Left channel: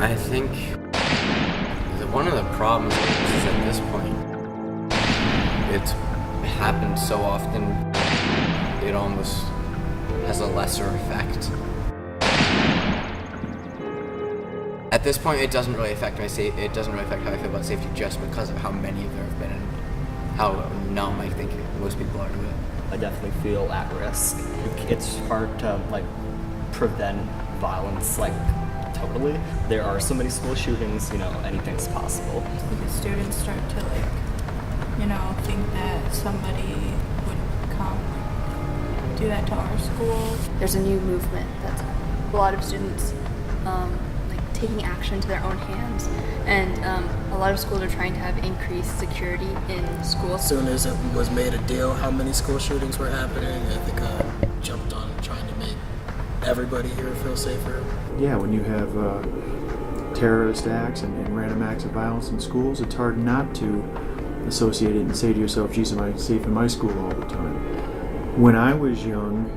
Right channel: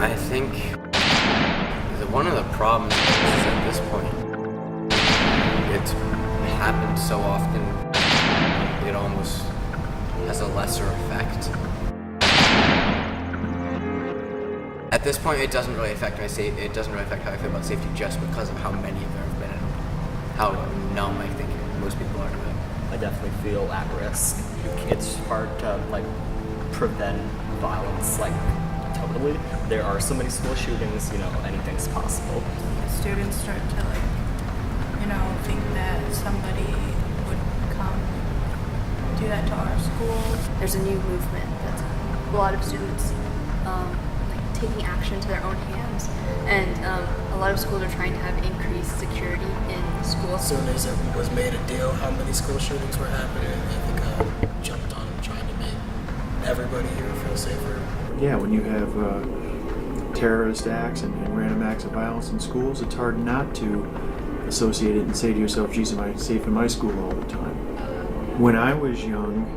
I think that one of the problems is at this point, it's happened so often, it almost has a lesser effect. At this point, it doesn't really affect it doesn't really affect how I feel about safety just because of how many of there have been and how numb I think most people are to it. I definitely feel at risk. It's hard to prevent violence totally. There are so many school shootings, anything's possible. Because students start to think that somebody would come do that to our school. There's a new movement that's a lot of students taking action to their own hands, and a lot of schools are trying to have increased security in schools. As soon as it was made a deal how many school shootings were happening, Ithaca jumped on trying to make everybody here feel safer. Yeah, when you have terrorist acts and random acts of violence in schools, it's hard not to associate it and say to yourself, geez, am I safe in my school all the time? When I was young,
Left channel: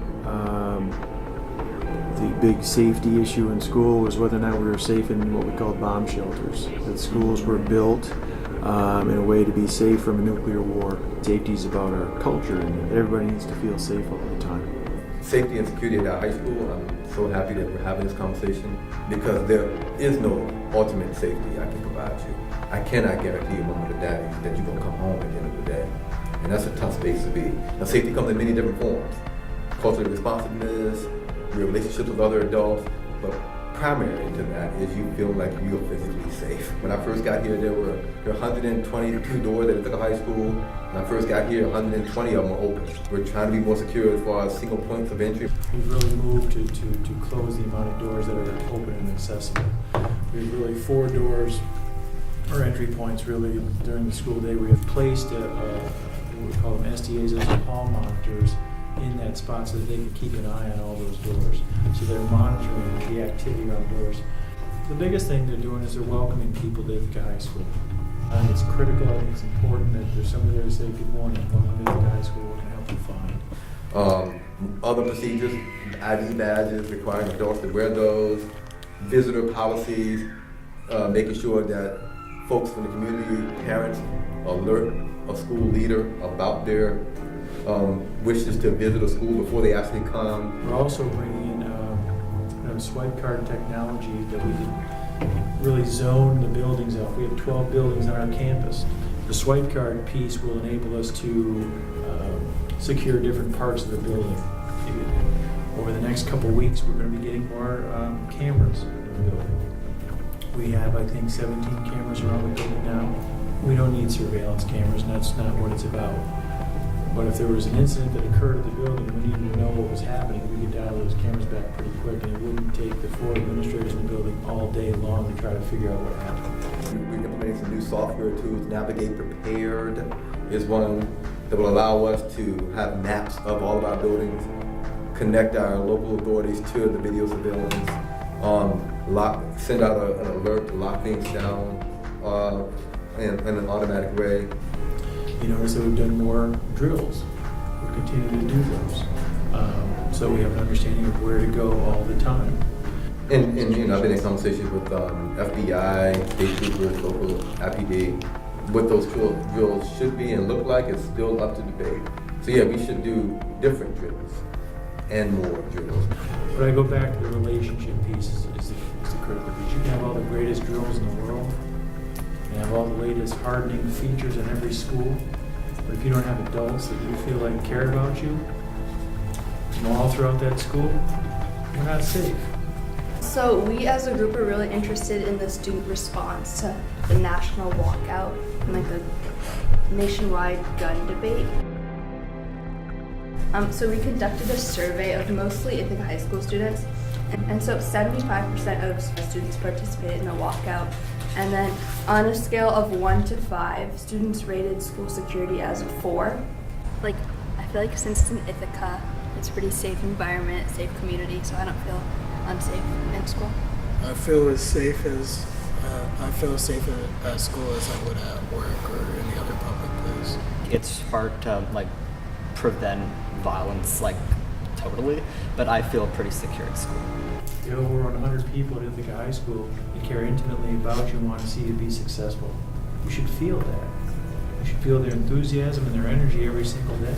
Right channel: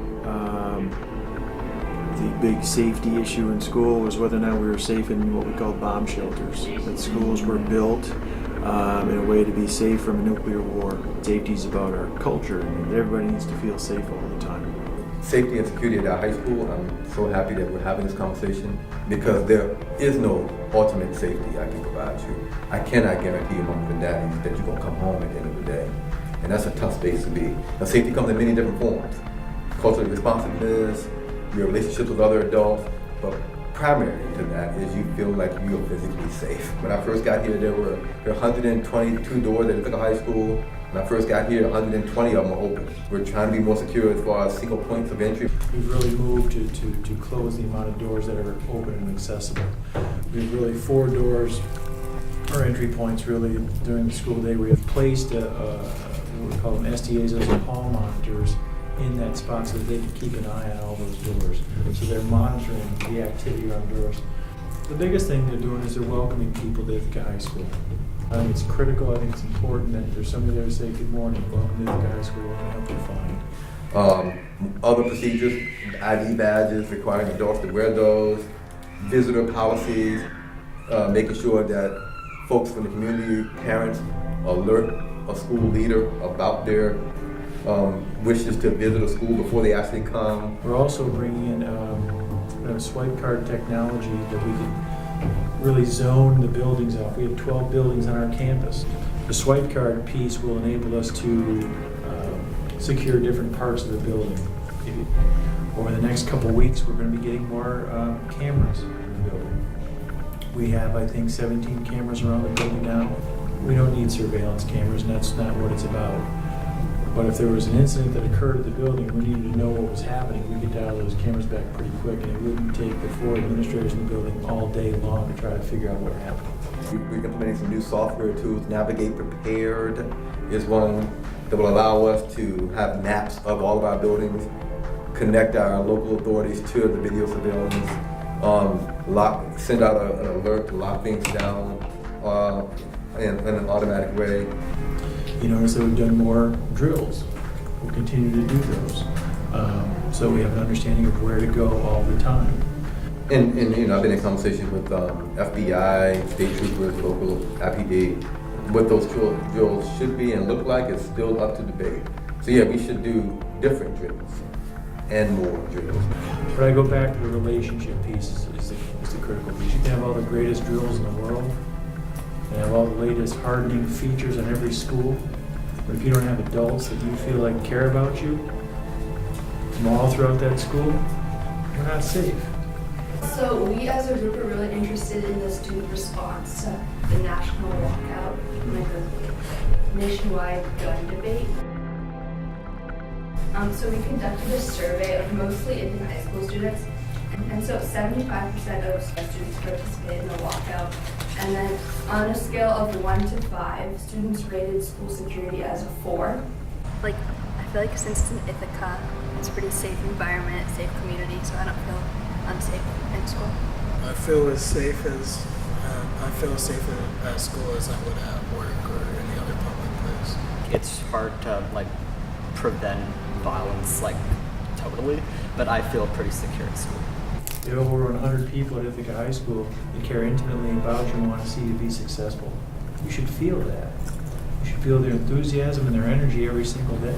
the big safety issue in school was whether or not we were safe in what we called bomb shelters. That schools were built in a way to be safe from a nuclear war. Safety is about our culture, and everybody needs to feel safe all the time. Safety and security at our high school, I'm so happy that we're having this conversation because there is no ultimate safety I can provide you. I cannot guarantee you, moms and daddies, that you're going to come home at the end of the day. And that's a tough space to be. Now, safety comes in many different forms. Cultural responsiveness, your relationships with other adults, but primary to that is you feel like you are physically safe. When I first got here, there were 122 doors at Ithaca High School. When I first got here, 120 of them were open. We're trying to be more secure as far as single points of entry. We've really moved to close the amount of doors that are open and accessible. We have really 4 doors, or entry points really, during the school day. We have placed what we call them STAs, those are hall monitors, in that spot so that they can keep an eye on all those doors. So they're monitoring the activity around doors. The biggest thing they're doing is they're welcoming people to Ithaca High School. I think it's critical, I think it's important that there's somebody there to say, good morning, welcome to Ithaca High School, what can I help you find? Other procedures, ID badges, requiring adults to wear those, visitor policies, making sure that folks from the community, parents, alert a school leader about their wishes to visit a school before they actually come. We're also bringing in swipe card technology that we can really zone the buildings off. We have 12 buildings on our campus. The swipe card piece will enable us to secure different parts of the building. Over the next couple of weeks, we're going to be getting more cameras in the building. We have, I think, 17 cameras around the building now. We don't need surveillance cameras, and that's not what it's about. But if there was an incident that occurred at the building, we needed to know what was happening, we could dial those cameras back pretty quick, and it wouldn't take the 4 administrators in the building all day long to try to figure out what happened. We're implementing some new software tools. Navigate Prepared is one that will allow us to have maps of all of our buildings, connect our local authorities to the video surveillance, send out an alert to lock things down in an automatic way. You notice that we've done more drills. We'll continue to do those. So we have an understanding of where to go all the time. And I've been in conversations with FBI, state troopers, local IPD. What those drills should be and look like is still up to debate. So yeah, we should do different drills and more drills. But I go back to the relationship piece is the critical piece. You can have all the greatest drills in the world and have all the latest hardening features in every school, but if you don't have adults that you feel like care about you from all throughout that school, you're not safe. So we as a group are really interested in the student response to the national walkout and the nationwide gun debate. So we conducted a survey of mostly Ithaca High School students, and so 75% of students participated in the walkout. And then on a scale of 1 to 5, students rated school security as a 4. I feel like since it's in Ithaca, it's a pretty safe environment, safe community, so I don't feel unsafe in school. I feel as safe at school as I would at work or any other public place. It's hard to prevent violence totally, but I feel pretty secure at school. You have over 100 people at Ithaca High School that care intimately about you and want to see you be successful. You should feel that. You should feel their enthusiasm and their energy every single day.